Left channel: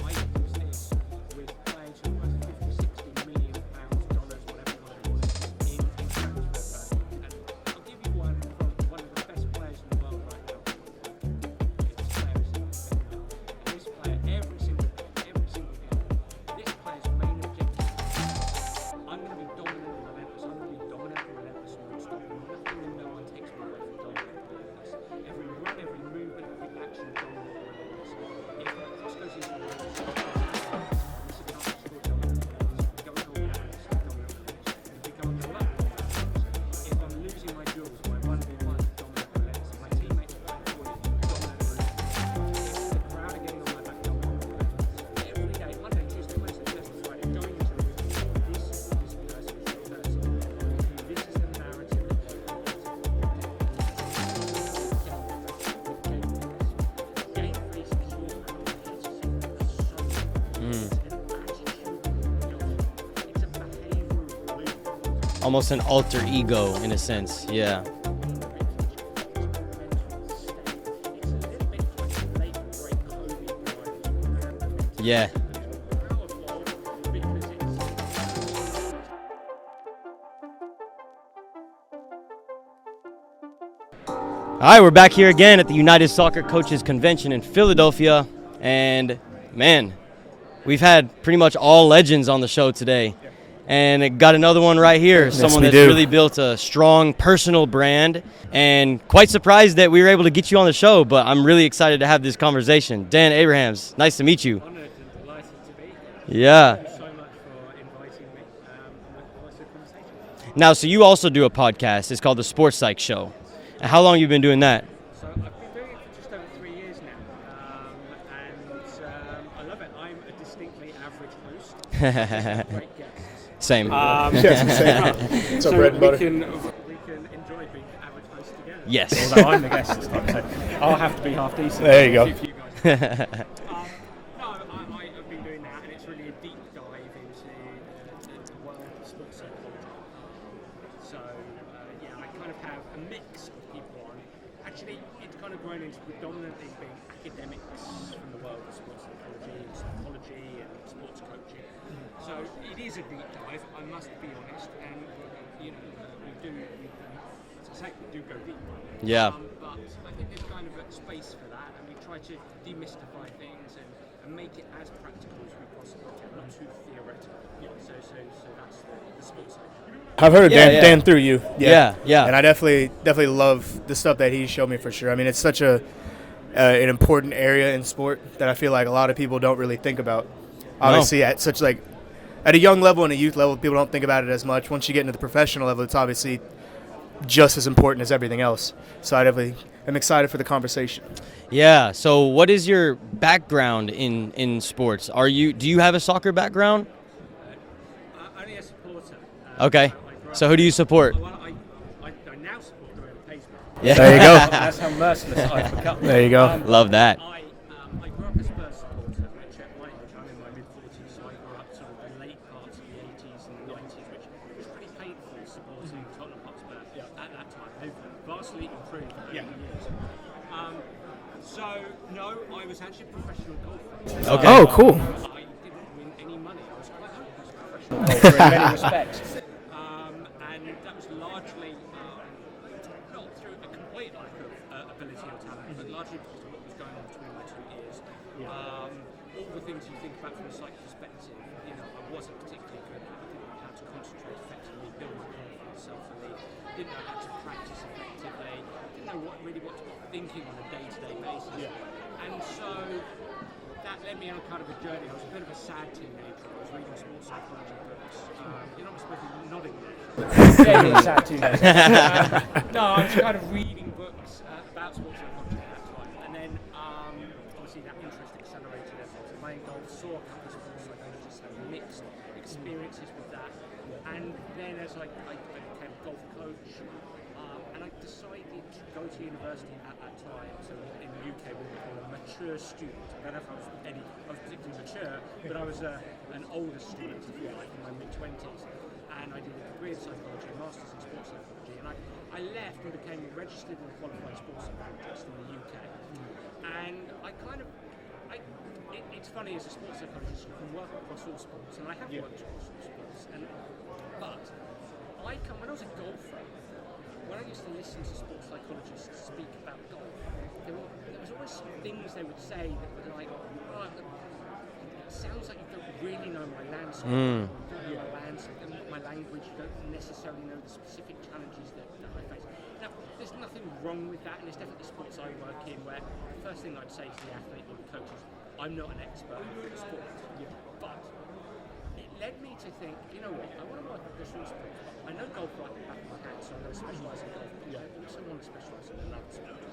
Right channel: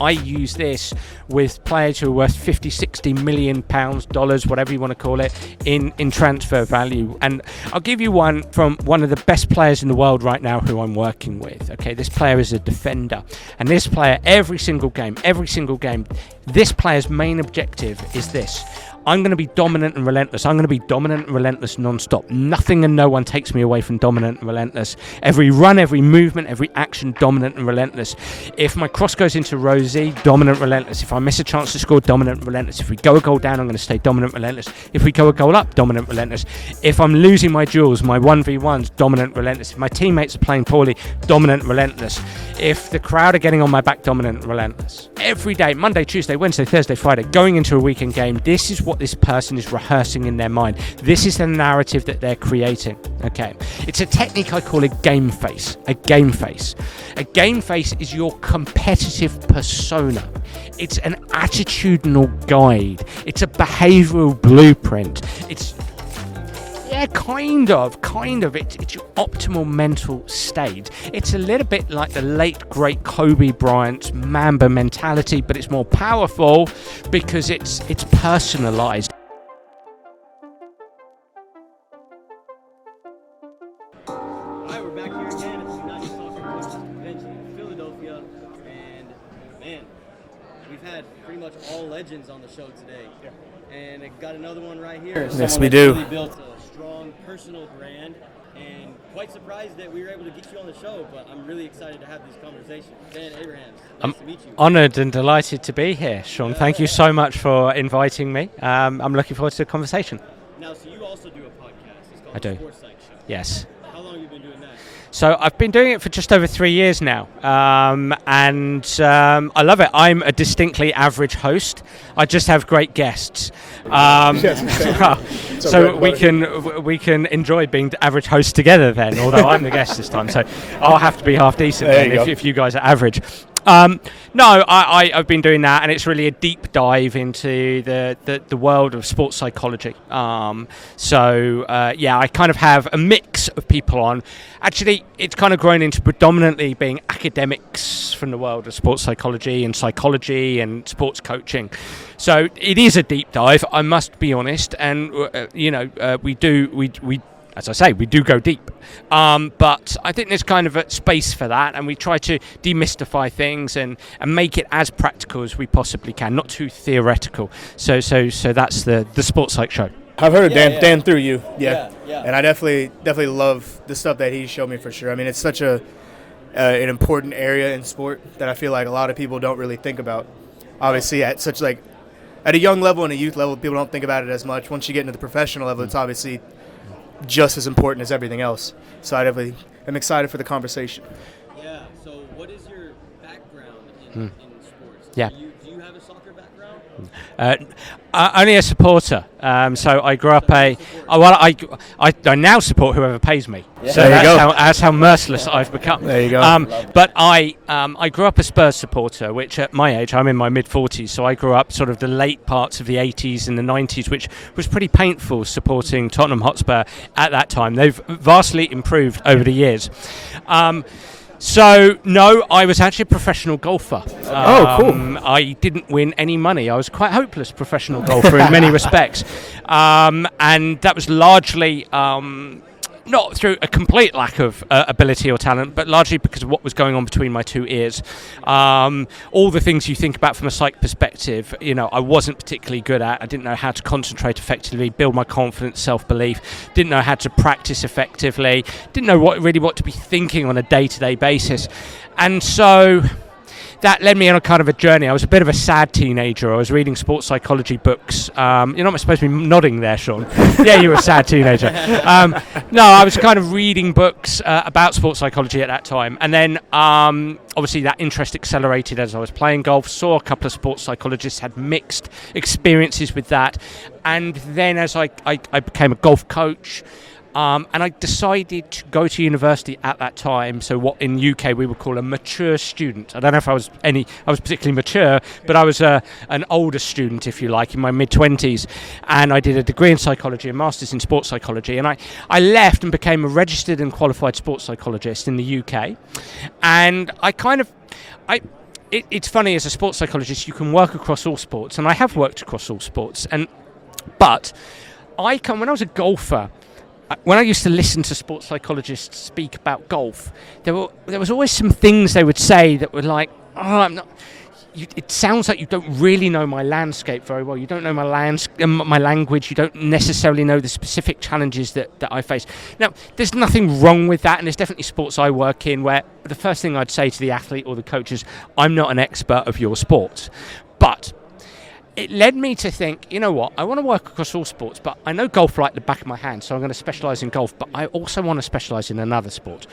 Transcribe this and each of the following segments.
I use this with players who are worth 50, 60 million pounds, dollars, whatever you want to call it, in transfer value. And I'll give you one from one of the best players in the world right now who I'm working with. Okay, this player is a defender. And this player, every single game, this player's main objective is this. I'm going to be dominant and relentless. I'm going to be dominant and relentless non-stop. Nothing and no one takes me away from dominant and relentless. Every run, every movement, every action, dominant and relentless. If my cross goes into Rosie, dominant, relentless. If I miss a chance to score, dominant, relentless. If we go a goal down, I'm going to stay dominant, relentless. If we go a goal up, dominant, relentless. If I'm losing my duels, my 1v1s, dominant, relentless. If my teammates are playing poorly, dominant, relentless. If the crowd are getting on my back, dominant, relentless. Every day, Monday, Tuesday, Wednesday, Thursday, Friday, going into a weekend game, this is what this person is rehearsing in their mind. This is the narrative that they're creating. Okay, it's a technique I call a game face. A game face. A game face is your competitive persona. It's an attitudinal guide. It's a behavioural blueprint. Almost an alter ego in a sense. Kind of. It's your optimal mental state. It's a little bit like the late, great Kobe Bryant's Mamba mentality, but it's more powerful because it's personalised. All right, we're back here again at the United Soccer Coaches Convention in Philadelphia. And, man, we've had pretty much all legends on the show today. And it got another one right here. Yes, someone that's really built a strong personal brand. And quite surprised that we were able to get you on the show, but I'm really excited to have this conversation. Dan Abrahams, nice to meet you. Honoured and delighted to be here, Sean. Yeah. Thank you so much for inviting me. I'm looking forward to the conversation. Now, so you also do a podcast. It's called the Sport Psych Show. Yes. How long have you been doing that? So I've been doing it for just over 3 years now, and I love it. I'm a distinctly average host. I just have great guests. Same. So we can enjoy being the average hosts together then, although I'm the guest this time. So I'll have to be half decent if you guys are average. No, I've been doing that, and it's really a deep dive into the world of sports psychology. I kind of have a mix of people on. Actually, it's kind of grown into predominantly being academics from the world of sports psychology and sports coaching. So it is a deep dive, I must be honest, and we do go deep. Yeah. But I think there's kind of a space for that, and we try to demystify things and make it as practical as we possibly can, not too theoretical. So that's the Sport Psych Show. I've heard of Dan through you. Yeah. And I definitely love the stuff that he showed me for sure. I mean, it's such an important area in sport that I feel like a lot of people don't really think about. Obviously, at a young level and a youth level, people don't think about it as much. Once you get into the professional level, it's obviously just as important as everything else. So I definitely am excited for the conversation. Yeah. So what is your background in sports? Do you have a soccer background? Only a supporter. Okay. So I grew up. So who do you support? I now support whoever pays me. Yeah. So there you go. That's how merciless I've become. There you go. Love that. But I grew up a Spurs supporter, which at my age, I'm in my mid-40s, so I grew up sort of the late parts of the 80s and the 90s, which was pretty painful supporting Tottenham Hotspur at that time. They've vastly improved over the years. So, no, I was actually a professional golfer. Okay. Oh, cool. I didn't win any money. I was quite a hopeless professional golfer in many respects. And that was largely not through a complete lack of ability or talent, but largely because of what was going on between my two ears. All the things you think about from a psych perspective, I wasn't particularly good at. I didn't know how to concentrate effectively, build my confidence, self-belief, didn't know how to practice effectively, didn't know what to be thinking on a day-to-day basis. And so that led me on a kind of a journey. I was a bit of a sad teenager. I was reading sports psychology books. You're not supposed to be nodding there, Sean. Yeah, you were a sad teenager. No, I was kind of reading books about sports psychology at that time. And then obviously that interest accelerated as I was playing golf, saw a couple of sports psychologists, had mixed experiences with that. And then as I became a golf coach, and I decided to go to university at that time. So what in UK we would call a mature student. I don't know if I was particularly mature, but I was an older student, if you like, in my mid-20s. And I did a degree in psychology, a master's in sports psychology. And I left and became a registered and qualified sports psychologist in the UK. And it's funny, as a sports psychologist, you can work across all sports, and I have worked across all sports. But when I was a golfer, when I used to listen to sports psychologists speak about golf, there was always some things they would say that were like, oh, I'm not. It sounds like you don't really know my landscape very well. You don't know my language. You don't necessarily know the specific challenges that I face. Now, there's nothing wrong with that, and there's definitely sports I work in where the first thing I'd say to the athlete or the coach is, I'm not an expert of your sport. But it led me to think, you know what, I want to work across all sports, but I know golf like the back of my hand, so I'm going to specialise in golf, but I also want to specialise in another sport.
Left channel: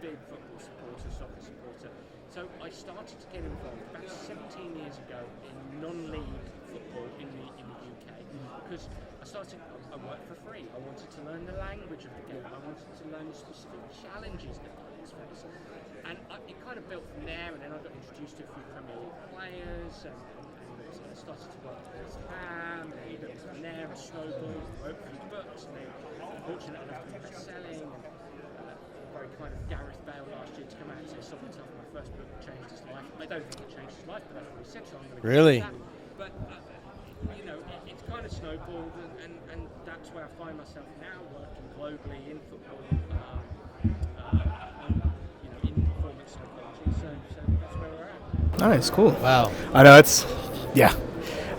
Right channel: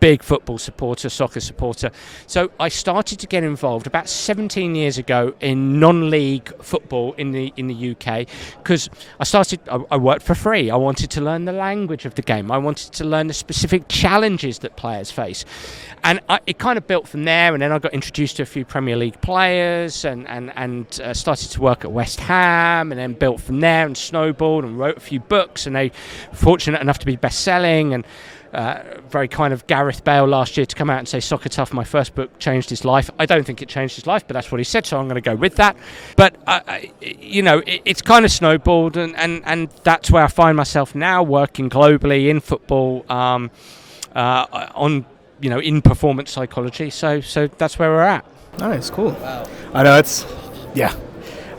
Big football supporter, soccer supporter. So I started to get involved about 17 years ago in non-league football in the UK, because I worked for free. I wanted to learn the language of the game. I wanted to learn the specific challenges that players face. And it kind of built from there, and then I got introduced to a few Premier League players and started to work at West Ham, and then built from there and snowballed and wrote a few books, and they were fortunate enough to be best-selling, and very kind of Gareth Bale last year to come out and say Soccer Tough, my first book, changed his life. I don't think it changed his life, but that's what he said, so I'm going to go with that. But, it's kind of snowballed, and that's where I find myself now, working globally in football in performance psychology. So that's where we're at. Nice, cool. Wow. I know,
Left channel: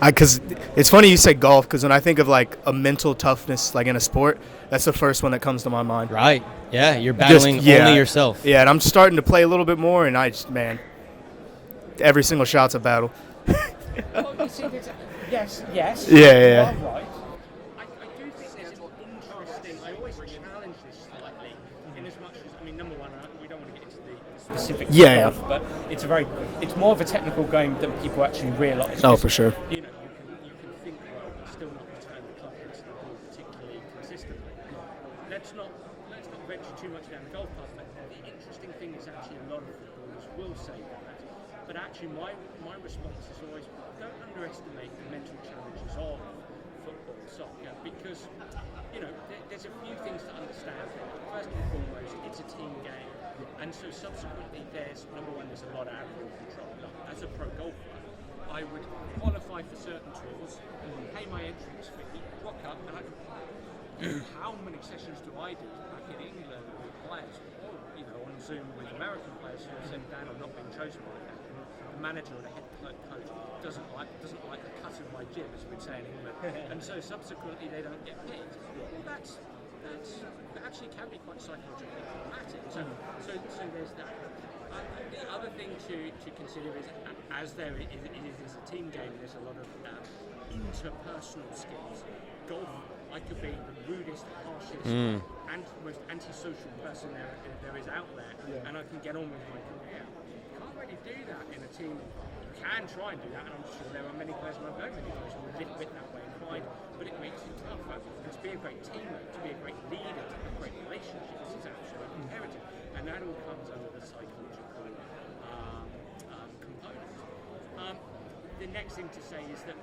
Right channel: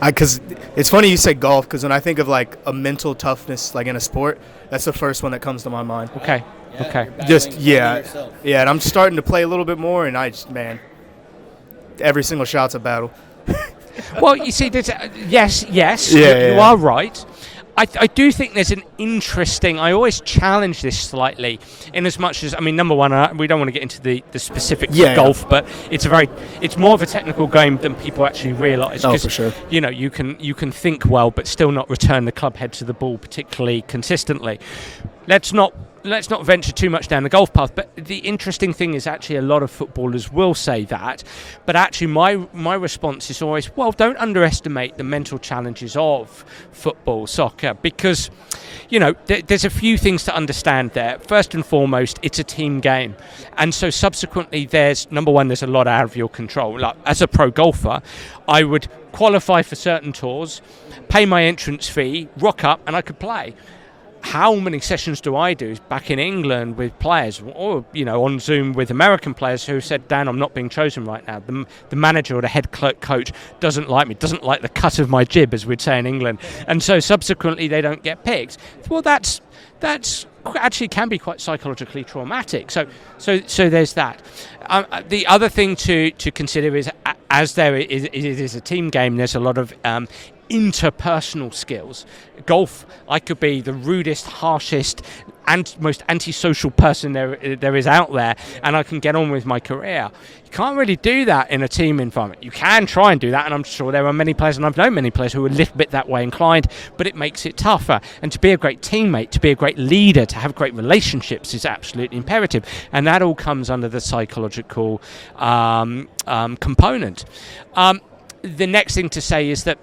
because it's funny you say golf, because when I think of like a mental toughness like in a sport, that's the first one that comes to my mind. Right. Okay. Yeah, okay. You're battling only yourself. Yeah, and I'm starting to play a little bit more, and every single shot's a battle. Well, you see, yes, Yeah. You are right. I do think there's an interesting. I always challenge this slightly, in as much as, number one, we don't want to get into the specifics of golf, but it's more of a technical game than people actually realise. Oh, for sure. You can think well, but still not return the club head to the ball particularly consistently. Let's not venture too much down the golf path, but the interesting thing is actually a lot of footballers will say that, but actually my response is always, well, don't underestimate the mental challenges of football, soccer, because there's a few things to understand there. First and foremost, it's a team game, and so subsequently there's a lot out of your control. Like, as a pro golfer, I would qualify for certain tours, pay my entrance fee, rock up, and I could play. How many sessions do I do back in England with players, or on Zoom with American players who said, Dan, I'm not being chosen right now. The manager or the head coach doesn't like me, doesn't like the cut of my jib, as we'd say in England, and so subsequently they don't get picked. Well, that's actually can be quite psychologically traumatic. So there's that. The other thing to consider is, as it is a team game, there's a lot of interpersonal skills. Golf, I could be the rudest, harshest, and most antisocial person there is out there, and I can get on with my career. You can't really do that in a team environment. You can try and do that, and I'm sure there are many players, and I've known many players who are a little bit that way inclined, but it makes it tougher. And to be a great teammate, to be a great leader, to have great relationships is absolutely imperative, and that all comes under the psychological component. The next thing to say is that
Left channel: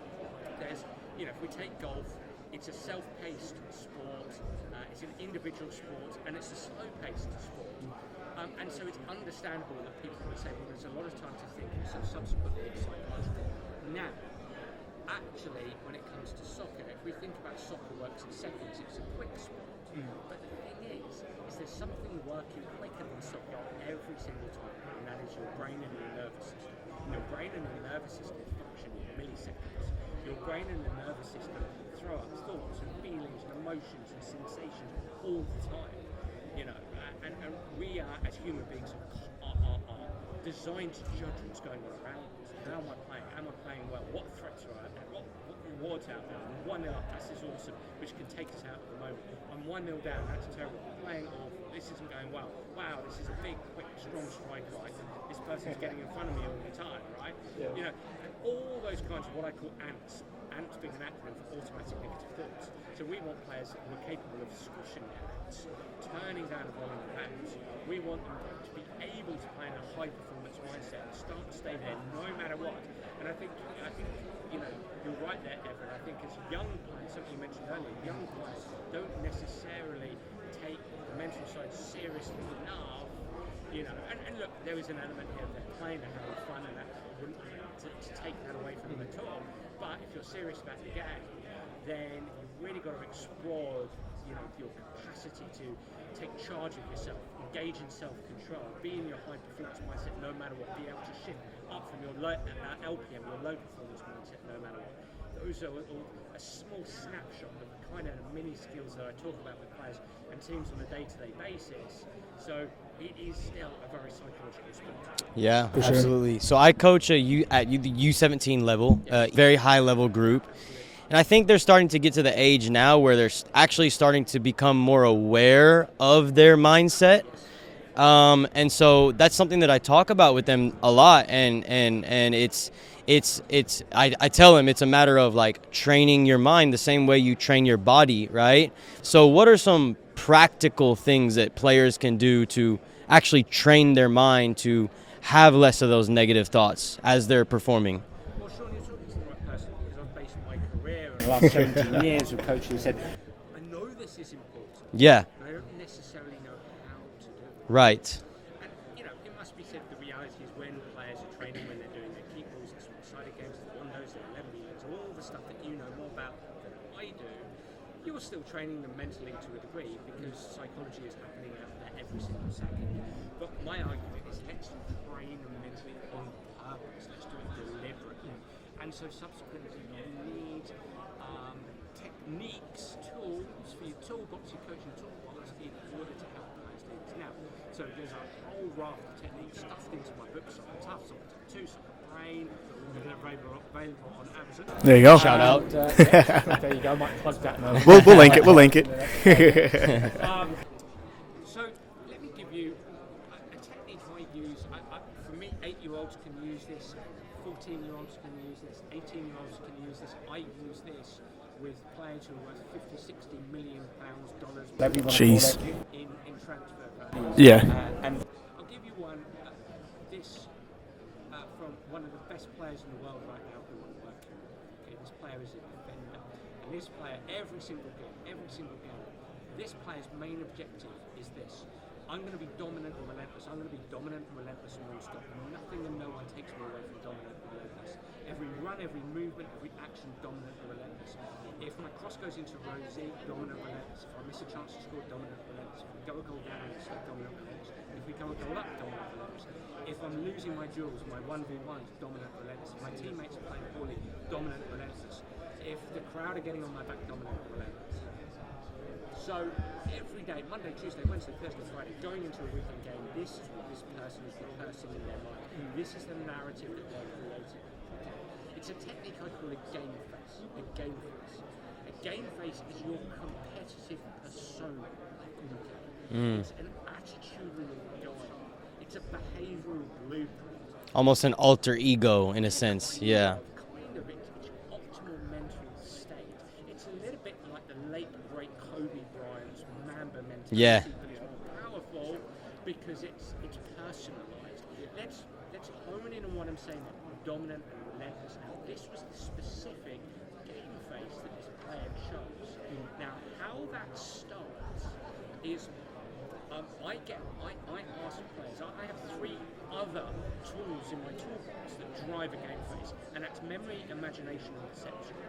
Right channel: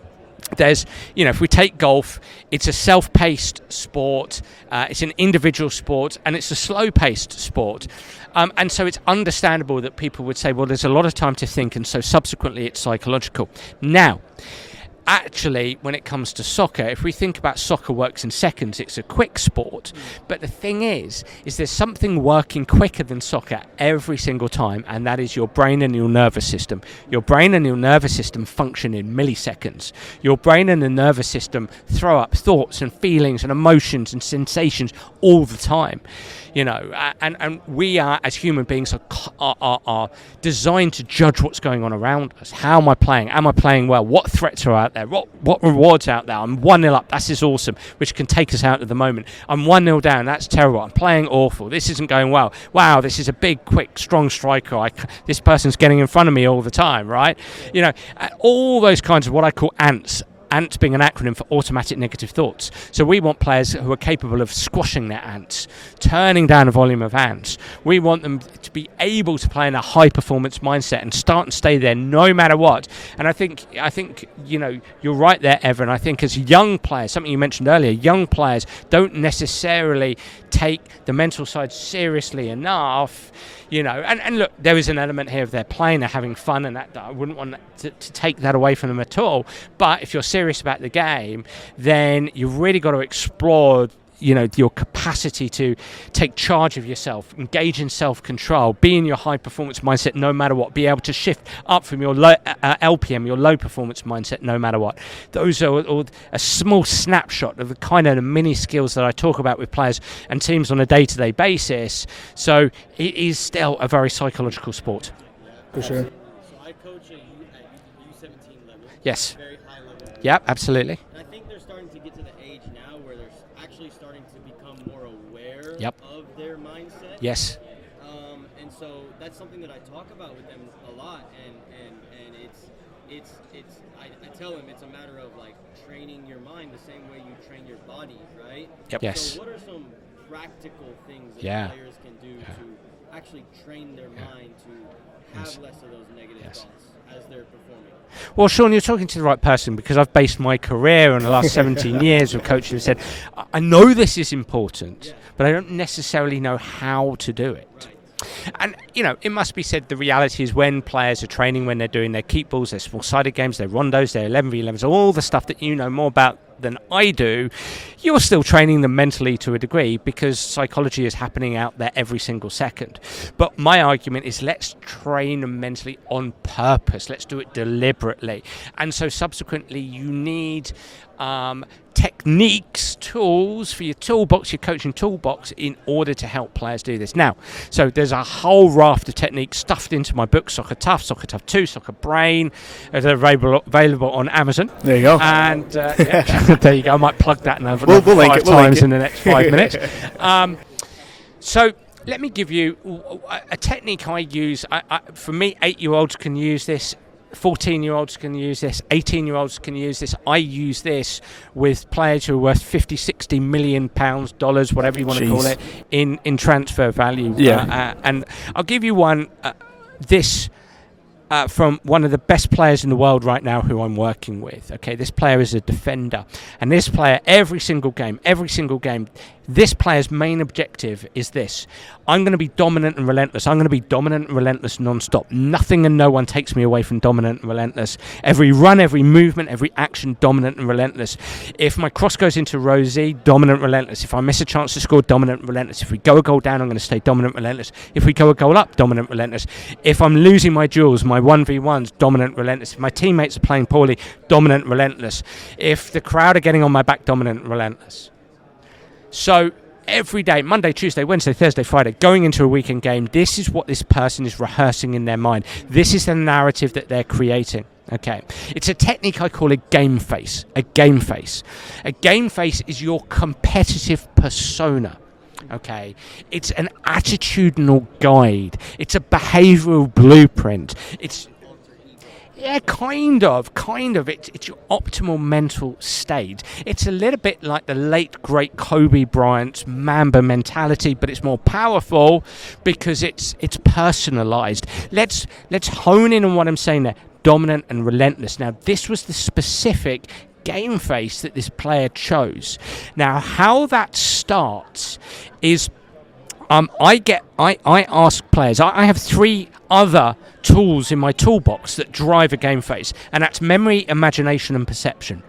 there's, if we take golf, it's a self-paced sport, it's an individual sport, and it's a slow-paced sport. And so it's understandable that people would say, well, there's a lot of time to think, and so subsequently it's psychological. Now, actually, when it comes to soccer, if we think about soccer works in seconds, it's a quick sport. But the thing is there's something working quicker than soccer every single time, and that is your brain and your nervous system. Your brain and your nervous system function in milliseconds. Your brain and the nervous system throw up thoughts and feelings and emotions and sensations all the time. And we are, as human beings, are designed to judge what's going on around us. How am I playing? Am I playing well? What threats are out there? What rewards out there? I'm 1-0 up. This is awesome, which can take us out at the moment. I'm 1-0 down. That's terrible. I'm playing awful. This isn't going well. Wow, this is a big, quick, strong striker. This person's getting in front of me all the time, right? All those kinds of what I call ants. ANTS being an acronym for automatic negative thoughts. So we want players who are capable of squashing their ants, turning down a volume of ants. We want them to be able to play in a high performance mindset and start and stay there no matter what. And I think you're right there, Evan. I think as young players, something you mentioned earlier, young players don't necessarily take the mental side seriously enough. And look, there is an element here of they're playing, they're having fun, and that I wouldn't want to take that away from them at all. But if you're serious about the game, then you've really got to explore your capacity to take charge of yourself, engage in self-control, be in your high-performance mindset no matter what, be able to shift up from your low LPM, your low-performance mindset no matter what. Those are all a small snapshot of the kind of the mini skills that I talk about with players and teams on a day-to-day basis. So it is still a very psychological sport. Yeah, For sure. absolutely. So I coach at the U17 level, Yes. very high-level group. Yep, absolutely. And I think they're starting to get to the age now where they're actually starting to become more aware of their mindset. Yes. And so that's something that I talk about with them a lot. And I tell them it's a matter of like training your mind the same way you train your body, right? Yep. Yes. So what are some practical things that Yeah. players can do to actually train their mind to have less of those negative thoughts as they're performing? Well, Sean, you're talking to the right person, because I've based my career on the last 17 years of coaching and said, I know this is important, Yeah, but I don't necessarily know how to do it. right. And, it must be said, the reality is when players are training, when they're doing their keep balls, their small-sided games, their rondos, their 11v11s, all the stuff that you know more about than I do, you're still training them mentally to a degree, because psychology is happening out there every single second. But my argument is, let's train them mentally on purpose. Let's do it deliberately. And so subsequently you need techniques, tools for your toolbox, your coaching toolbox, in order to help players do this. Now, so there's a whole raft of techniques stuffed into my book, Soccer Tough, Soccer Tough 2, Soccer Brain. They're available on Amazon. There you go. And there you go. I might plug that now. We'll link it. We'll link it in the next 5 minutes. So let me give you a technique I use. For me, 8-year-olds can use this. 14-year-olds can use this, 18-year-olds can use this. I use this with players who are worth 50, 60 million pounds, dollars, whatever you want to call it, in transfer value. Yeah. And I'll give you one, from one of the best players in the world right now who I'm working with. Okay, this player is a defender. And this player, every single game, this player's main objective is this: I'm going to be dominant and relentless. I'm going to be dominant and relentless non-stop. Nothing and no one takes me away from dominant and relentless. Every run, every movement, every action, dominant and relentless. If my cross goes into row Z, dominant, relentless. If I miss a chance to score, dominant, relentless. If we go a goal down, I'm going to stay dominant, relentless. If we go a goal up, dominant, relentless. If I'm losing my duels, my 1v1s, dominant, relentless. If my teammates are playing poorly, dominant, relentless. If the crowd are getting on my back, dominant, relentless. So every day, Monday, Tuesday, Wednesday, Thursday, Friday, going into a weekend game, this is what this person is rehearsing in their mind. This is the narrative that they're creating. Okay, it's a technique I call a game face. A game face. A game face is your competitive persona. Okay, it's an attitudinal guide. It's a behavioural blueprint. Almost an alter ego in a sense. Kind of. It's your optimal mental state. It's a little bit like the late great Kobe Bryant's Mamba mentality, but it's more powerful because it's personalised. Let's hone in on what I'm saying there. Dominant and relentless. Now, this was the specific game face that this player chose. Now, how that starts is I ask players. I have 3 other tools in my toolbox that drive a game face, and that's memory, imagination, and perception.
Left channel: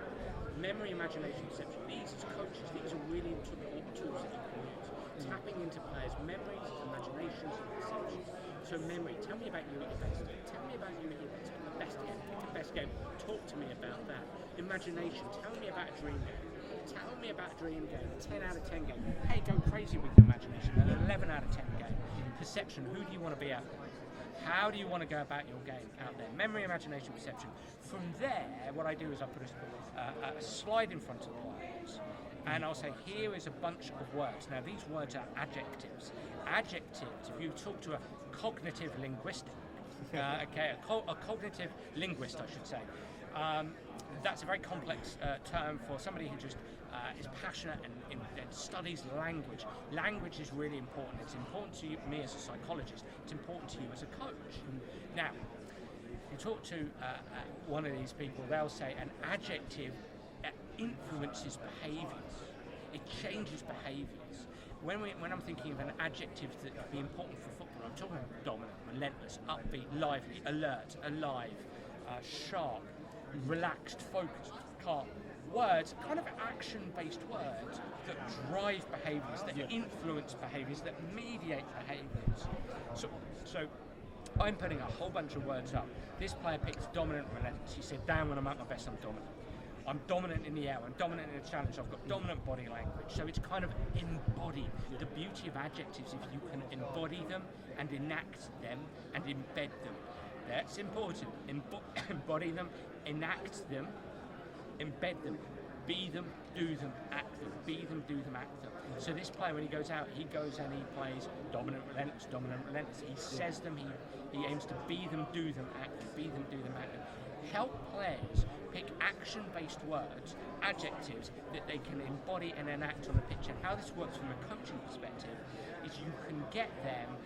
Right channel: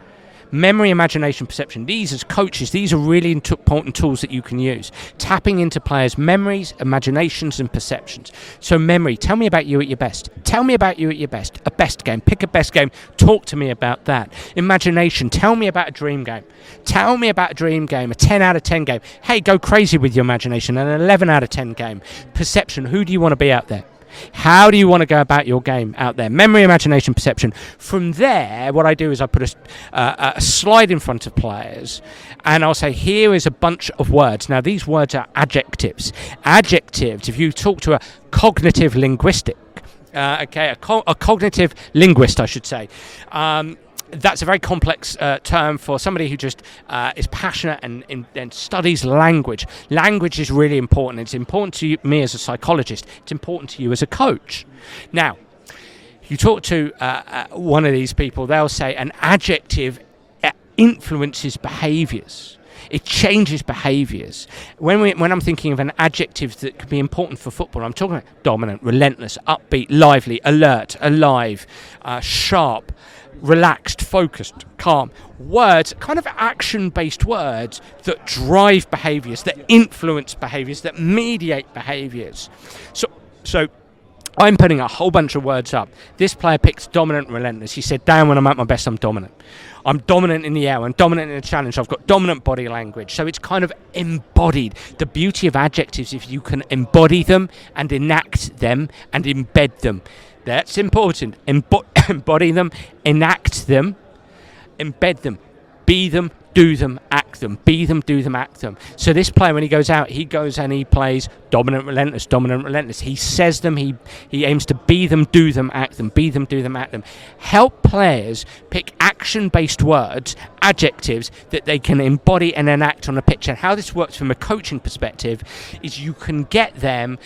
Memory, imagination, perception. These, as coaches, these are really important tools that you can use. Tapping into players' memories, imaginations, and perceptions. So memory, tell me about you at your best. Tell me about you at your best. A best game. Pick a best game. Talk to me about that. Imagination, tell me about a dream game. Tell me about a dream game, a 10 out of 10 game. Hey, go crazy with your imagination, an 11 out of 10 game. Perception, who do you want to be out there? How do you want to go about your game out there? Memory, imagination, perception. From there, what I do is I put a slide in front of players, and I'll say, here is a bunch of words. Now, these words are adjectives. Adjectives, if you talk to a cognitive linguistic, a cognitive linguist, I should say, that's a very complex term for somebody who just is passionate and studies language. Language is really important. It's important to me as a psychologist. It's important to you as a coach. Now, you talk to one of these people, they'll say an adjective influences behaviours. It changes behaviours. When I'm thinking of an adjective that could be important for football, I'm talking about dominant, relentless, upbeat, lively, alert, alive, sharp, relaxed, focused, calm. Words, kind of action-based words that drive behaviours, that influence behaviours, that mediate behaviours. So I'm putting a whole bunch of words up. This player picks dominant, relentless. He said, "Down when I'm at my best, I'm dominant. I'm dominant in the air. I'm dominant in the challenge. I've got dominant body language." So it's kind of embodied. The beauty of adjectives, if you can embody them and enact them and embed them. That's important. Embody them, enact them, embed them, be them, do them, act them. Be them, do them, act them. So this player, when he goes out, he goes and he plays dominant, relentless, dominant, relentless. He says them, he aims to be them, do them, act them. Be them, do them, act them. Help players pick action-based words, adjectives, that they can embody and enact on the pitch. And how this works from a coaching perspective is you can get them,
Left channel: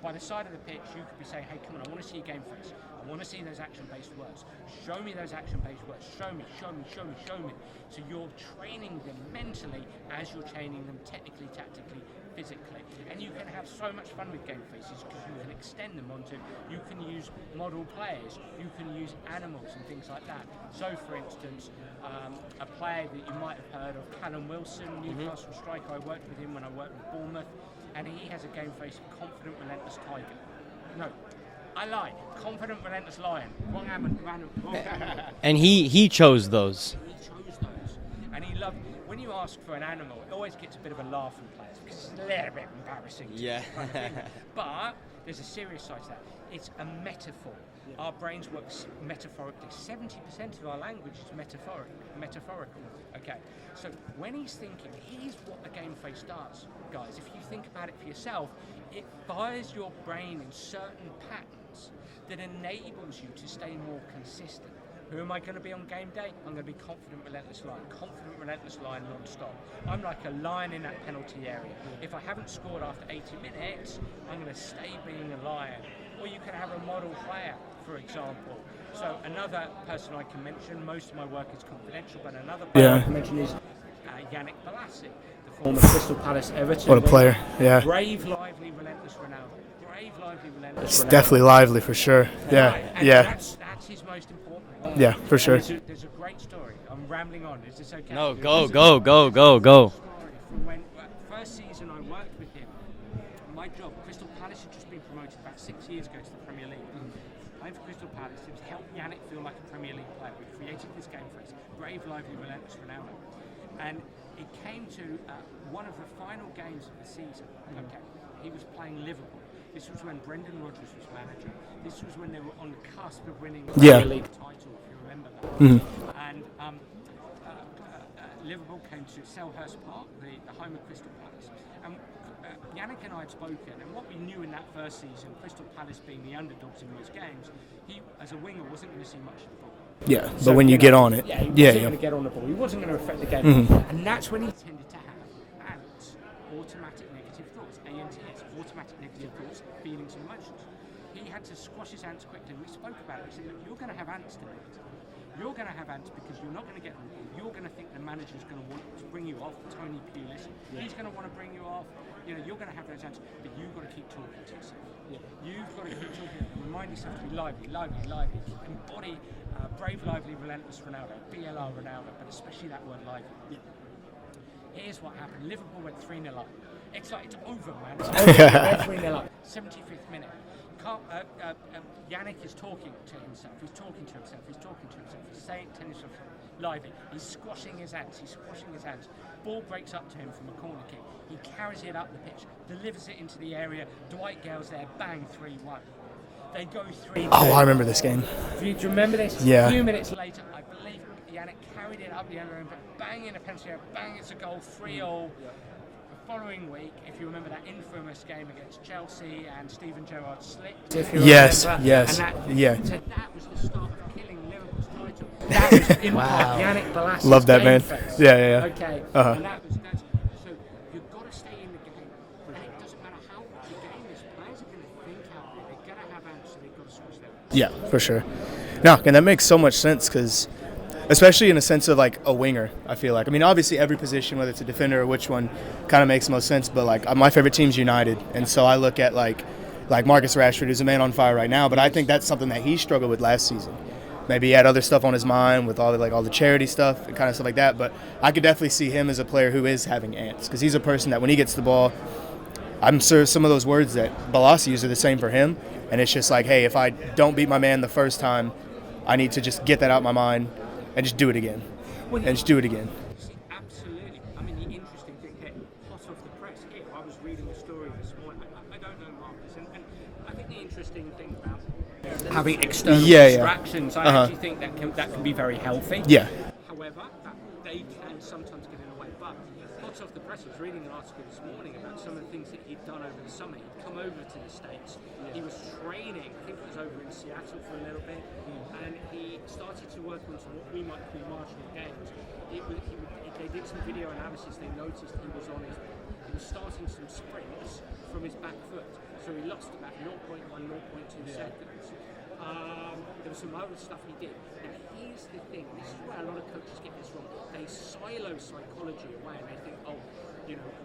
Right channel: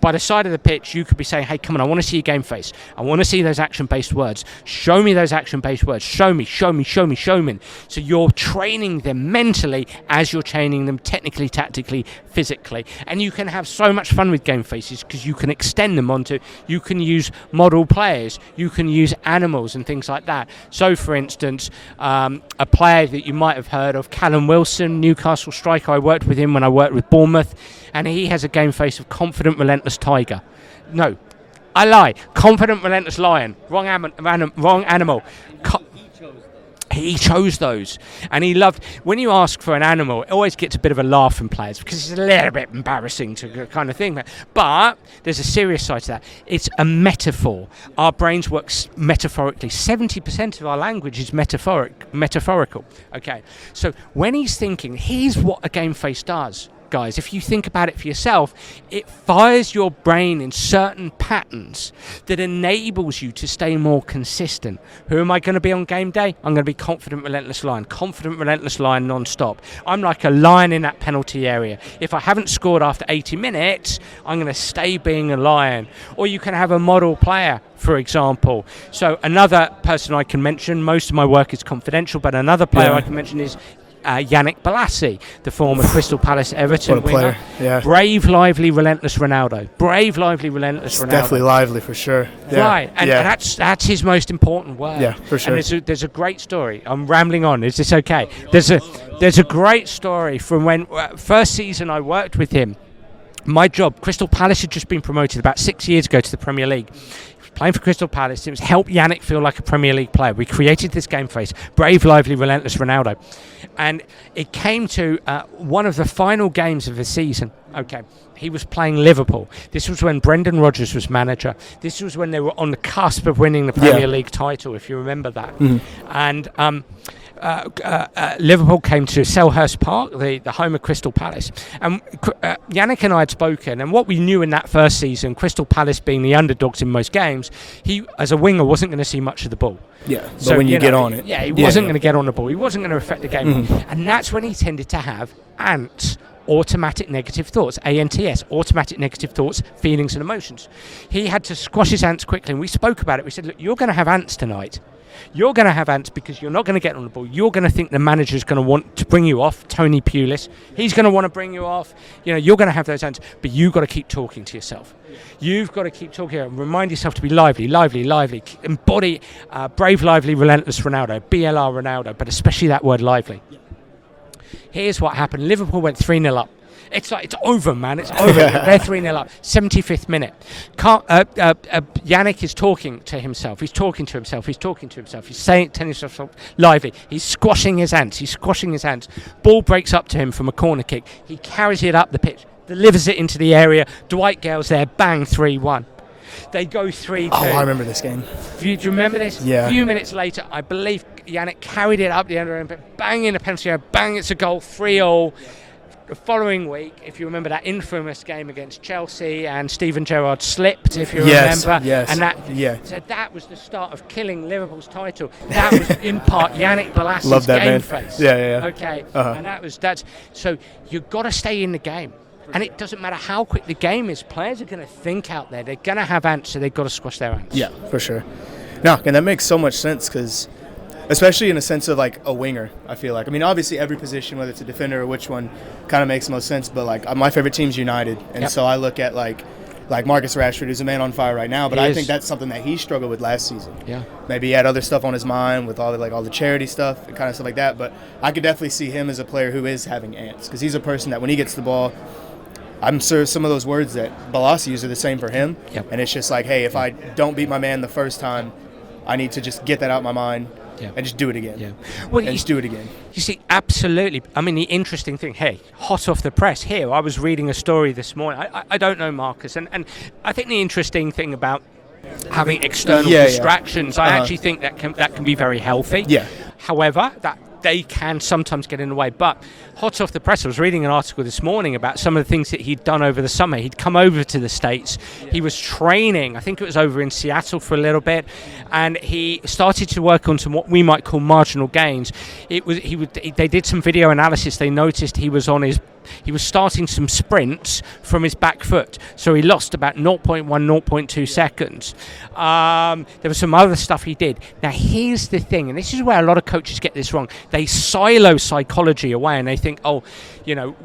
by the side of the pitch, you could be saying, "Hey, come on, I want to see your game face. I want to see those action-based words. Show me those action-based words. Show me, show me, show me, show me." So you're training them mentally as you're training them technically, tactically, physically. And you can have so much fun with game faces because you can extend them onto, you can use model players, you can use animals and things like that. So, for instance, a player that you might have heard of, Callum Wilson, Newcastle striker, I worked with him when I worked with Bournemouth, and he has a game face of confident, relentless tiger. No, I lie. Confident, relentless lion. Wrong animal. And he chose those. He chose those. And he loved, when you ask for an animal, it always gets a bit of a laugh from players because it's a little bit embarrassing to kind of thing. But there's a serious side to that. It's a metaphor. Our brains work metaphorically. 70% of our language is metaphorical. Okay. So when he's thinking, here's what a game face does. Guys, if you think about it for yourself, it fires your brain in certain patterns that enables you to stay more consistent. Who am I going to be on game day? I'm going to be confident, relentless lion non-stop. I'm like a lion in that penalty area. If I haven't scored after 80 minutes, I'm going to stay being a lion. Or you can have a model player, for example. So another person I can mention, most of my work is confidential, but another player I can mention is Yannick Bolasie, the former Crystal Palace Everton. What a player, yeah. Brave, lively, relentless Ronaldo. Brave, lively, relentless Ronaldo. Definitely lively, for sure. Yeah. Right, and that's his most important word. Yeah, for sure. And there's a great story. I'm rambling on. Is this okay? There's a great story from when first season I worked with him. My job, Crystal Palace had just been promoted about 6 years ago to the Premier League. Playing for Crystal Palace, it was help Yannick feel like a Premier League player. We created this game face, brave, lively, relentless Ronaldo. And it came to one of the final games of the season. Okay, he was playing Liverpool. This was when Brendan Rodgers was manager. This was when they were on the cusp of winning the Premier League title, if you remember that. Mm-hmm. And Liverpool came to Selhurst Park, the home of Crystal Palace. And Yannick and I had spoken, and what we knew in that first season, Crystal Palace being the underdogs in most games, he, as a winger, wasn't going to see much of the ball. Yeah, but so, when you get on it. Yeah, he wasn't going to get on the ball. He wasn't going to affect the game. Mm-hmm. And that's when he tended to have ants. Automatic negative thoughts, ANTS, automatic negative thoughts, feelings and emotions. He had to squash his ants quickly, and we spoke about it. We said, look, you're going to have ants tonight. You're going to have ants because you're not going to get on the ball. You're going to think the manager's going to want to bring you off, Tony Pulis. He's going to want to bring you off. You know, you're going to have those ants, but you've got to keep talking to yourself. You've got to keep talking and remind yourself to be lively. Embody brave, lively, relentless Ronaldo, BLR Ronaldo, but especially that word lively. Here's what happened. Liverpool went 3-0 up. It's like, it's over, man. It's over. They're 3-0 up. 75th minute. Yannick is talking to himself. He's talking to himself. He's telling himself lively. He's squashing his ants. Ball breaks up to him from a corner kick. He carries it up the pitch, delivers it into the area. Dwight Gale's there. Bang, 3-1. They go 3-2. Oh, I remember this game. Do you remember this? Yeah. A few minutes later, I believe Yannick carried it up the end of the bang in the penalty area, bang, it's a goal, 3-0. The following week, if you remember that infamous game against Chelsea and Steven Gerrard slipped, if you remember. Yes, So that was the start of killing Liverpool's title. That was in part Yannick Bolasie's Love that, game man. face. Yeah. Okay, and that's so you've got to stay in the game. And it doesn't matter how quick the game is. Players are going to think out there. They're going to have ants, so they've got to squash their ants. Yeah, for sure. No, and that makes so much sense because especially in a sense of like a winger. I feel like, I mean, obviously every position, whether it's a defender or which one, kind of makes the most sense. But like my favorite team's United, and so I look at like Marcus Rashford, who's a man on fire right now. But I think that's something that he struggled with last season. Yeah. Maybe he had other stuff on his mind with all the charity stuff and kind of stuff like that. But I could definitely see him as a player who is having ants, because he's a person that when he gets the ball, I'm sure some of those words that Balassi used are the same for him. Yep. And it's just like, hey, if I don't beat my man the first time, I need to just get that out of my mind and just do it again. Yeah. Well, just do it again. You see, absolutely. I mean, the interesting thing, hey, hot off the press here, I was reading a story this morning. I don't know Marcus, and I think the interesting thing about having external distractions, I actually think that can be very healthy. Yeah. However, that they can sometimes get in the way. But hot off the press, I was reading an article this morning about some of the things that he'd done over the summer. He'd come over to the States. He was training, I think it was over in Seattle for a little bit, and he started to work on some what we might call marginal gains. They did some video analysis. They noticed he was starting some sprints from his back foot. So he lost about 0.1, 0.2 seconds. There was some other stuff he did. Now, here's the thing, and this is where a lot of coaches get this wrong. They silo psychology away, and they think,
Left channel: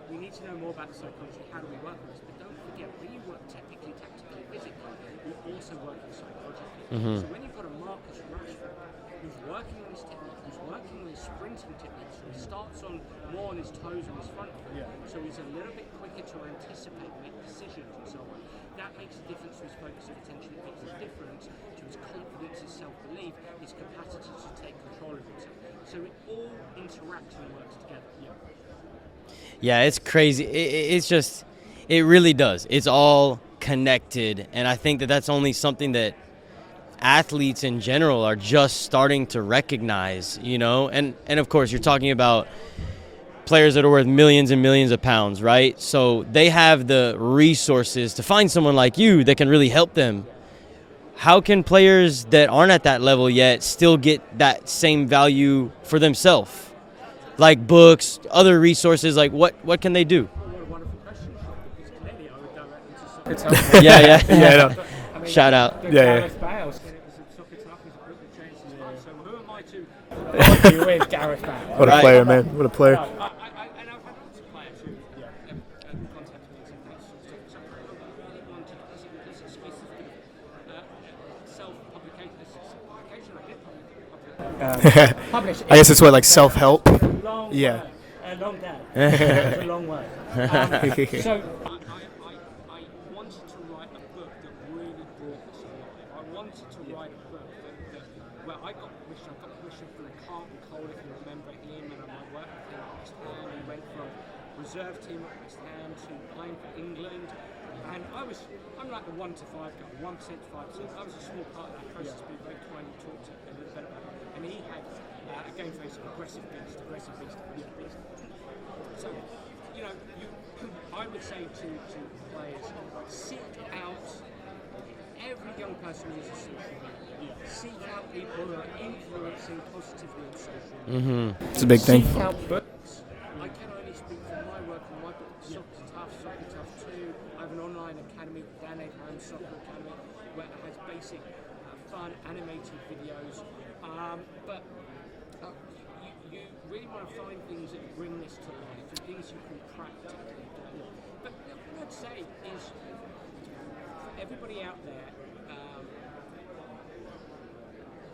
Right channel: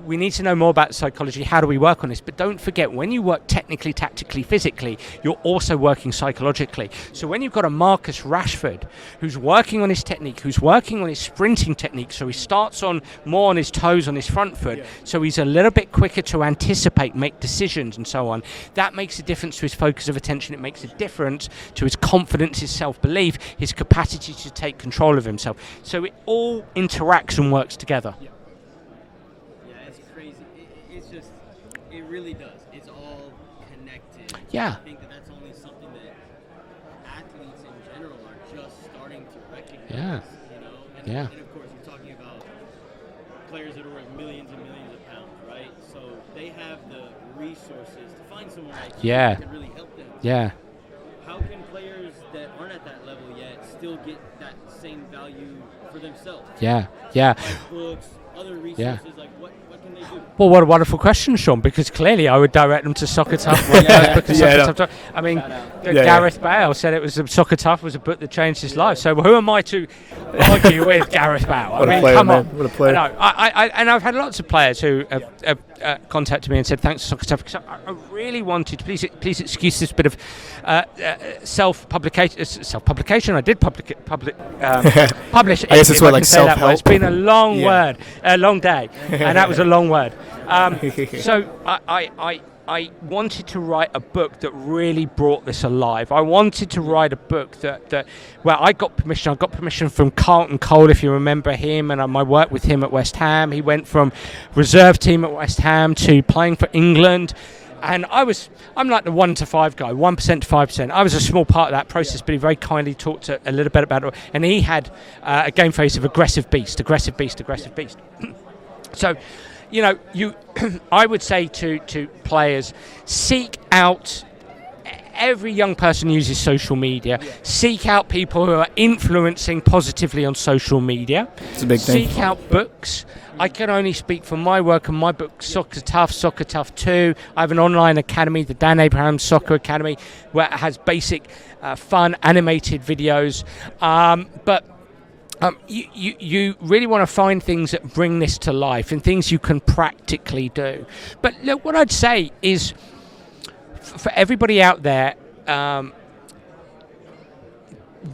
we need to know more about psychology. How do we work on this? But don't forget, when you work technically, tactically, physically, you're also working psychologically. Mm-hmm. So when you've got a Marcus Rashford who's working on his technique, who's working on his sprinting technique, so he starts more on his toes on his front foot, so he's a little bit quicker to anticipate, make decisions, and so on. That makes a difference to his focus of attention. It makes a difference to his confidence, his self-belief, his capacity to take control of himself. So it all interacts and works together. Yeah, it's crazy. It really does. It's all connected. Yeah. And I think that's only something that athletes in general are just starting to recognize, And of course, you're talking about players that are worth millions and millions of pounds, right? So they have the resources to find someone like you that can really help them. Yeah. How can players that aren't at that level yet still get that same value for themselves? Yeah. Yeah. Like books, other resources, like what can they do? Well, what a wonderful question, Sean, because clearly I would direct them to Soccer Tough. I mean, shout out. Gareth Bale said it was Soccer Tough was a book that changed his life. So who am I to argue with Gareth Bale? What a player, man. What a player. No, and I've had lots of players who have contacted me and said, thanks to Soccer Tough, because I really wanted, please excuse this bit of self-publication. I did publish. I guess it's what, like self-help? It's been a long day, and that was a long word. So I wanted to write a book that really brought this alive. I wanted to write a book that I got permission. I got permission from Carlton Cole, if you remember him, and my work with him at West Ham. He went from reserve team at West Ham to playing for England. And I'm like the 1 to 5 guy, 1% to 5%. I was a small part of that process, but he very kindly talked a little bit about it. And he had a game face of aggressive beast. So, I would say to players, seek out. Every young person uses social media. Seek out people who are influencing positively on social media. It's a big thing. Seek out books. I can only speak for my work and my book, Soccer Tough 2. I have an online academy, the Dan Abraham Soccer Academy, where it has basic, fun, animated videos. But you really want to find things that bring this to life and things you can practically do. But look, what I'd say is, for everybody out there,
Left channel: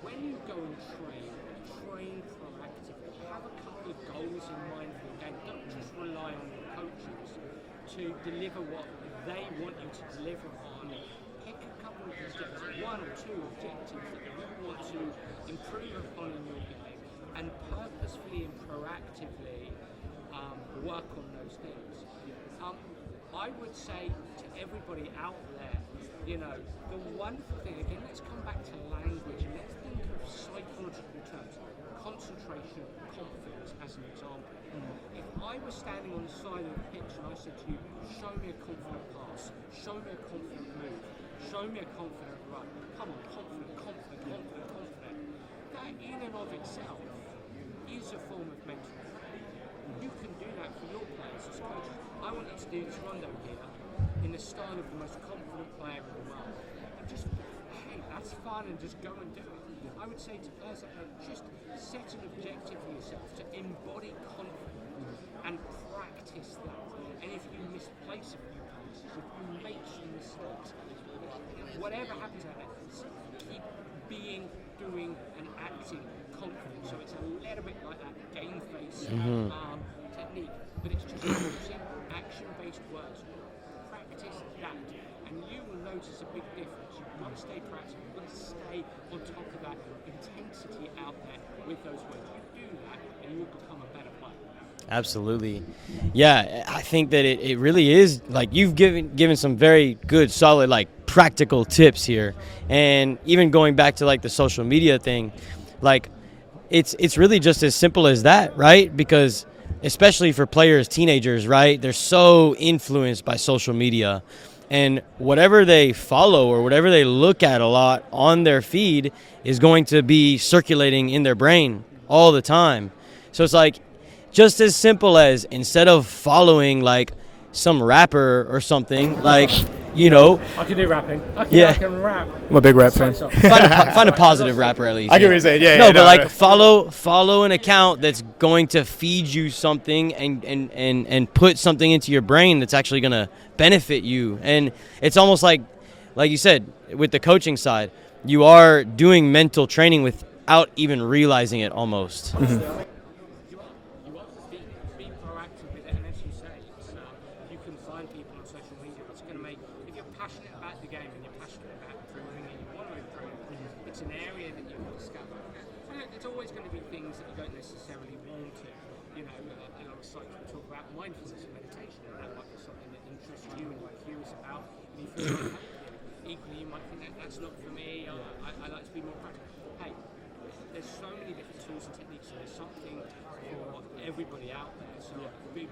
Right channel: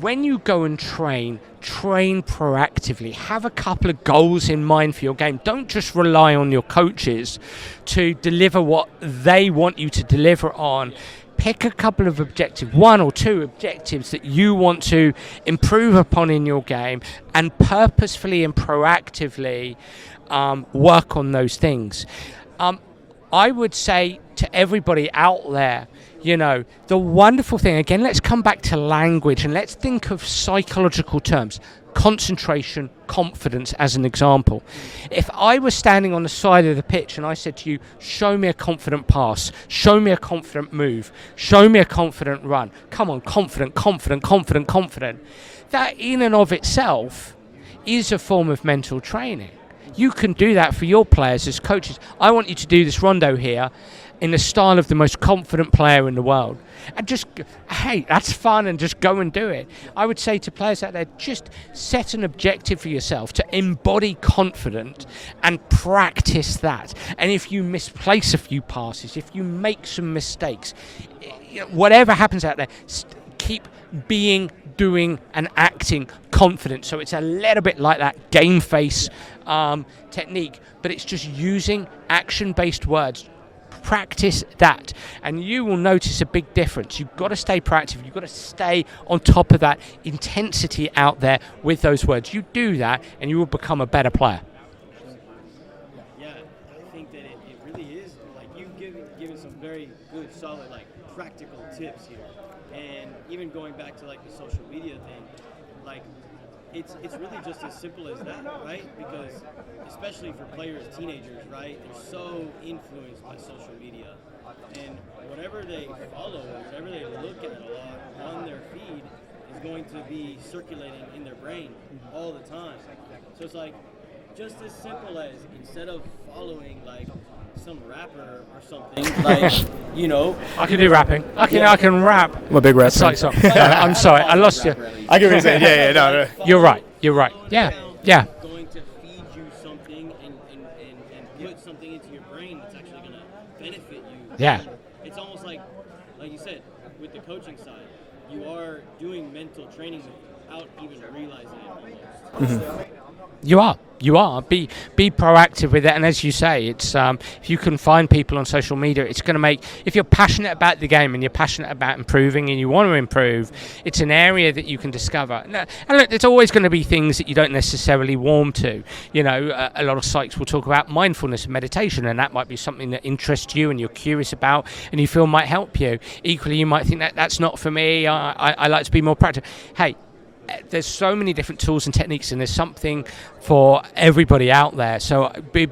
when you go and train proactively. Have a couple of goals in mind for your game. Don't just rely on your coaches to deliver what they want you to deliver on. Pick a couple of objectives, 1 or 2 objectives that you want to improve upon in your game, and purposefully and proactively work on those things. I would say to everybody out there, the wonderful thing, again, let's come back to language and let's think of psychological terms. Concentration, confidence as an example. If I was standing on the side of the pitch and I said to you, show me a confident pass, show me a confident move, show me a confident run. Come on, confident. That in and of itself is a form of mental training. you can do that for your players as coaches. I want you to do this rondo here in the style of the most confident player in the world. And just, hey, that's fun, and just go and do it. I would say to players out there, just set an objective for yourself to embody confidence and practice that. And if you misplace a few passes, if you make some mistakes, whatever happens out there, keep being, doing and acting confident. So it's a little bit like that game face technique, but it's just using action-based words. Practice that, and you will notice a big difference. You've got to stay proactive. You've got to stay on top of that intensity out there with those words. You do that, and you will become a better player. Absolutely. Yeah, I think that it really is, like, you've given some very good, solid, like, practical tips here. And even going back to, like, the social media thing, like, it's really just as simple as that, right? Because especially for players, teenagers, right? They're so influenced by social media. And whatever they follow or whatever they look at a lot on their feed is going to be circulating in their brain all the time. So it's like just as simple as, instead of following like some rapper or something, like, you know. I can do rapping. I can rap. I'm a big rap fan. I'm sorry, I lost it. Rapper, at least. I get what you're saying. But like follow You're an right. account that's going to feed you something and put something into your brain that's actually going to benefit you. Yeah. And it's almost like you said, with the coaching side, you are doing mental training without even realizing it almost. Mm-hmm. You are. Be proactive with it, and as you say, it's if you can find people on social media, it's going to make. If you're passionate about the game and you're passionate about improving and you want to improve, it's an area that you can discover. And look, there's always going to be things that you don't necessarily warm to. You know, a lot of psychs will talk about mindfulness and meditation, and that might be something that interests you and you're curious about and you feel might help you. Equally, you might think that's not for me. I like to be more practical. Hey. There's so many different tools and techniques, and there's something for everybody out there. So be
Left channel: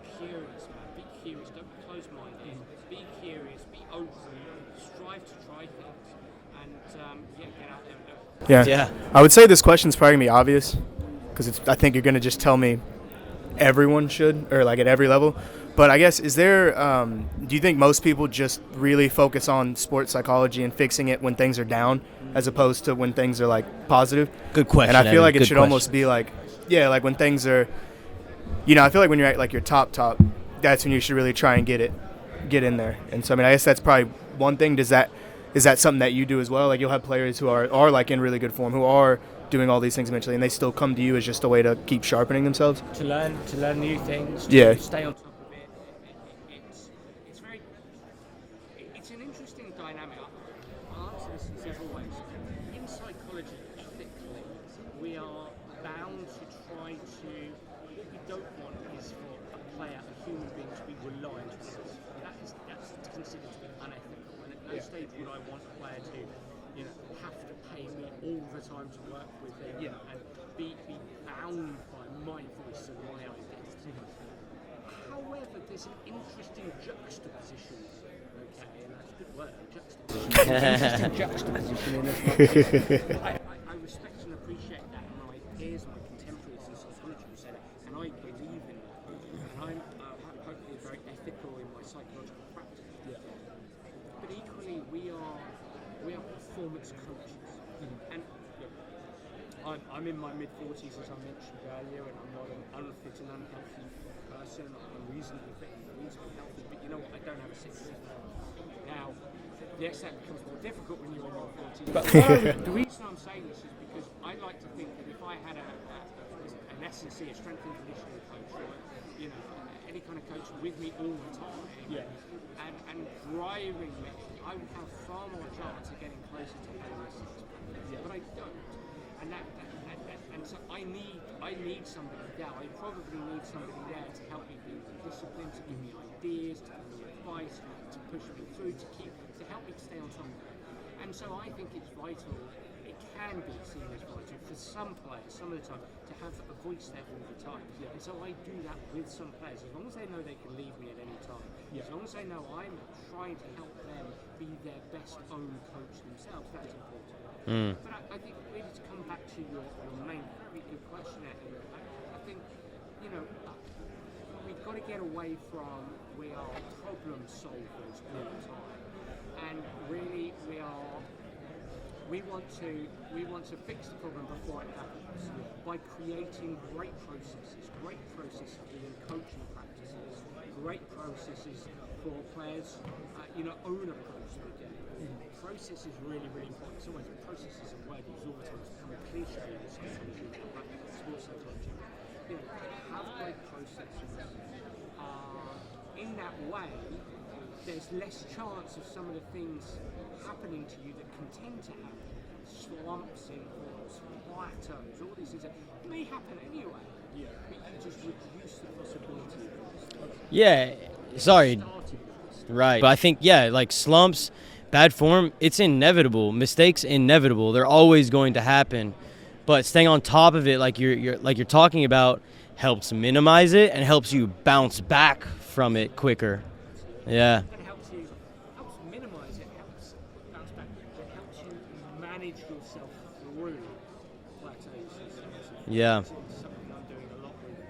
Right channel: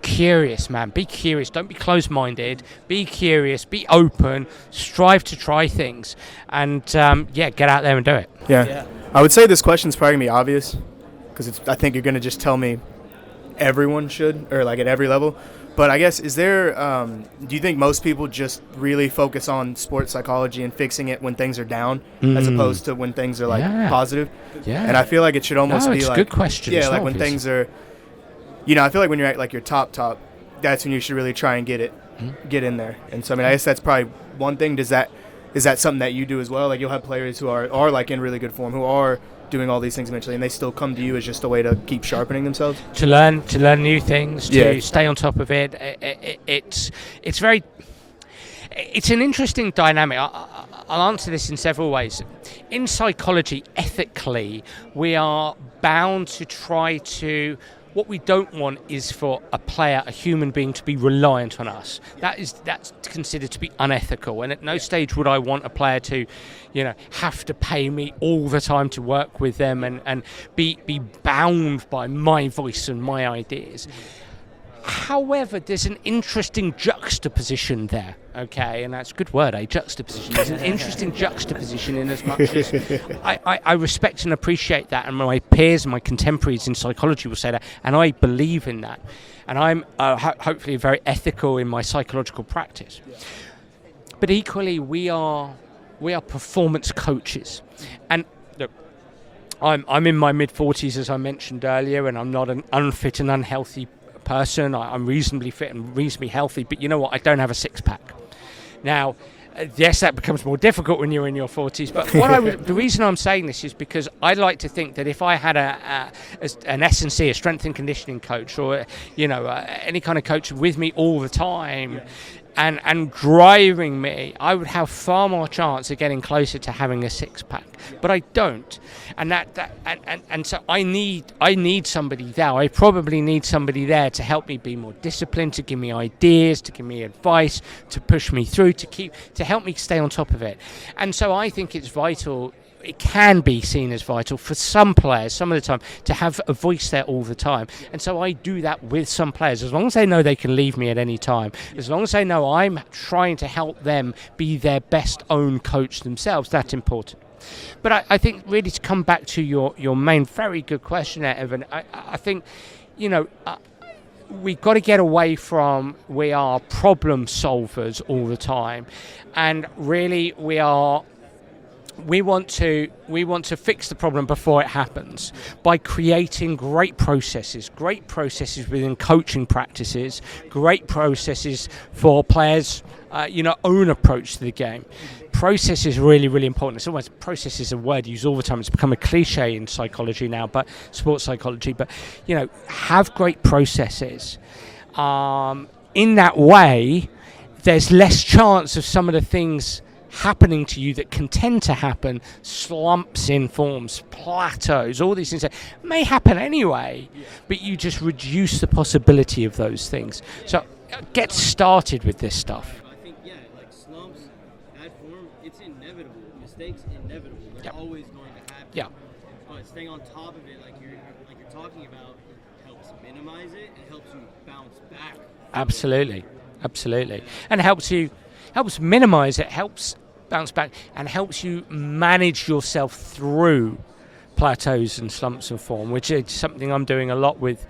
curious, man. Be curious. Don't be closed-minded. Be curious. Be open. Strive to try things, and get out there and do it. Yeah. I would say this question's probably gonna be obvious, because I think you're gonna just tell me everyone should, or like at every level. But I guess, is there, do you think most people just really focus on sports psychology and fixing it when things are down, as opposed to when things are like positive? Good question. And I feel like it should almost be like, good question. yeah, like when things are, I feel like when you're at like your top, that's when you should really try and get in there. And so, I mean, I guess that's probably one thing. Is that something that you do as well? Like, you'll have players who are like in really good form, who are doing all these things eventually, and they still come to you as just a way to keep sharpening themselves, to learn new things, to stay on top of it. It's an interesting dynamic. I'll answer this in several ways. In psychology, ethically, we are bound to try to. What we don't want is for a player, a human being, to be reliant on us. That's considered to be unethical. And at no stage would I want a player to, have to pay me all the time to work with them and be bound by my voice and my ideas. However, there's an interesting juxtaposition there, okay? And that's a good word, juxtaposition. There's an interesting juxtaposition in as much as I respect and appreciate that, and my peers and my contemporaries in psychology will say that, and I believe in that. And I'm hopefully very ethical in my psychological practice. But equally, we are performance coaches. And look, I'm in my mid-40s, as I mentioned earlier, and I'm not an unfit and unhealthy person. I'm reasonably fit and reasonably healthy, but you know what? I don't have a six-pack. Now, yes, that becomes more difficult when you're in your 40s, but the reason I'm saying this is because I like to think that if I had an S&C, a strength and conditioning coach, or any kind of coach with me all the time, and driving me, I would have far more chance of getting closer to having a six-pack. But I don't, and so I need somebody there. I probably need somebody there to help me be more disciplined, to give me ideas, to give me advice, to push me through, to help me stay on top of it. And so I think it's vital. It can be seen as vital for some players, some of the time, to have a voice there all the time. And so I do that with some players. As long as they know they can leave me at any time, as long as they know I'm trying to help them be their best own coach themselves, that's important. But I think really, to come back to your main, very good question there, Evan, I think we've got to get away from we are problem solvers all the time, and really we want to fix the problem before it happens by creating great processes within coaching practices, great processes for players' own approach to the game. Process is really, really important. It's almost, process is a word used all the time. It's become a cliche in psychology now, but sports psychology. But, have great processes. In that way, there's less chance of some of the things happening to you that can tend to happen, slumps in forms, plateaus, all these things that may happen anyway, but you just reduce the possibility of those things. Yeah. So get started with this stuff. Right. But I think, like slumps, bad form, it's inevitable. Mistakes, inevitable. They're always going to happen. Yeah. But staying on top of it, like you're talking about, helps minimize it and helps you bounce back from it quicker. Absolutely. Yeah. And helps minimize it, helps bounce back, and helps you manage yourself through plateaus and slumps of form, which is something I'm doing a lot with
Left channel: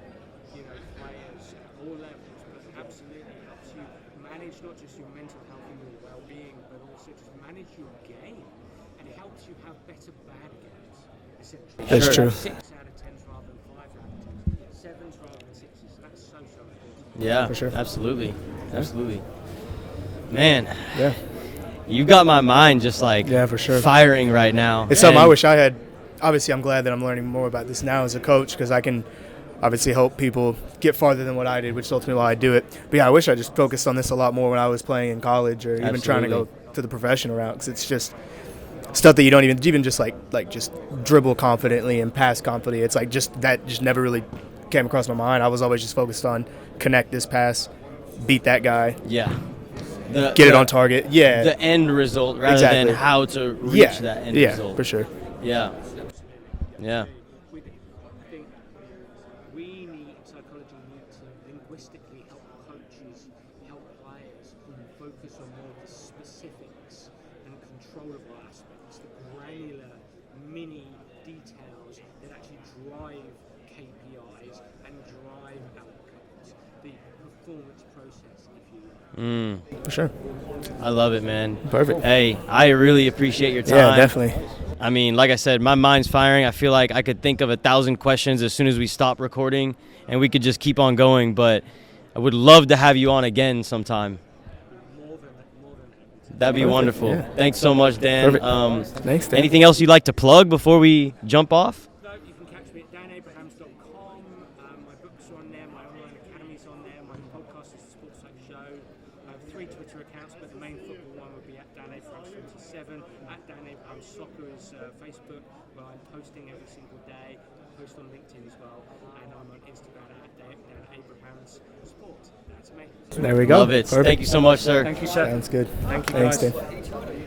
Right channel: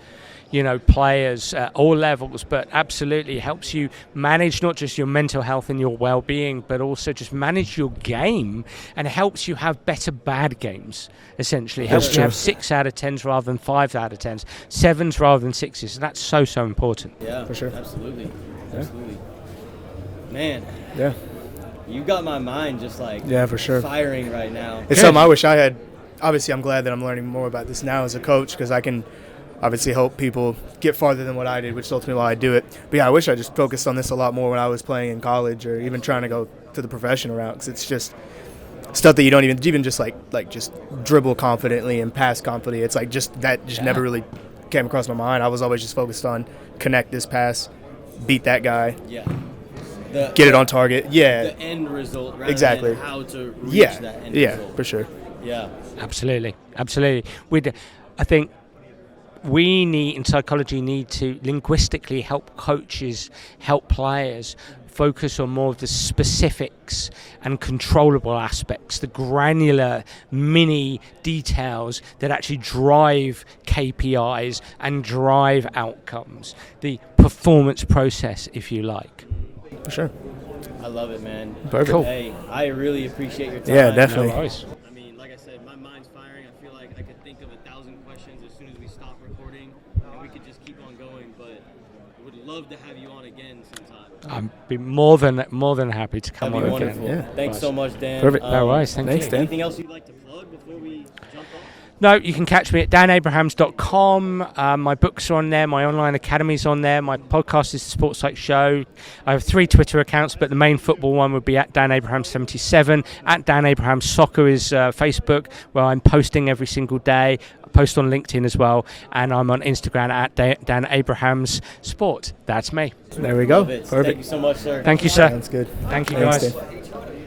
players at all levels, but absolutely helps you manage not just your mental health and your well-being, but also just manage your game, and helps you have better bad games, essentially. That's true. Have 6 out of 10s rather than 5 out of 10s, 7s rather than 6s, and that's so important. Yeah, for sure. Absolutely. Man. Yeah. You got my mind just for sure firing right now. It's something I wish I had. Obviously, I'm glad that I'm learning more about this now as a coach, because I can obviously help people get farther than what I did, which is ultimately why I do it. But yeah, I wish I just focused on this a lot more when I was playing in college, or even trying to go to the professional route, because it's just stuff that you don't even just like just dribble confidently and pass confidently. It's like just never really came across my mind. I was always just focused on connect this pass, beat that guy. Yeah. Get it on target. Yeah. The end result rather than how to reach that end result. Yeah, for sure. Yeah. Absolutely. I think we in psychology need to linguistically help coaches, help players focus on more of the specifics and controllable aspects, the granular mini details that actually drive KPIs and drive outcomes, the performance process, if you like. For sure. I love it, man. Perfect. Cool. Hey, I really appreciate your time. Yeah, definitely. I mean, like I said, my mind's firing. I feel like I could think of 1,000 questions as soon as we stop recording, and we could just keep on going, but I would love to have you on again sometime. I'd be more than happy to come. That'd be on. wonderful. Yeah. Thanks so much, Dan. Perfect. Thanks, Dan. Anything else you'd like to plug before we jump off? No, you can catch me at danabrahams.com. My books are on there. My online academy's on there. My podcast is the Sport Psych Show. I have 3 Twitter accounts, but the main football one would be at DanAbrahams77. At Dan Abrahams Soccer is Facebook, where I'm posting every single day. I post on LinkedIn as well, and I'm on Instagram at Dan Abrahams Sport. That's me. There we go. Love it. Perfect. Thank you so much, sir. Thank you, sir. Sounds good. Thank you, Thanks, guys. Dan.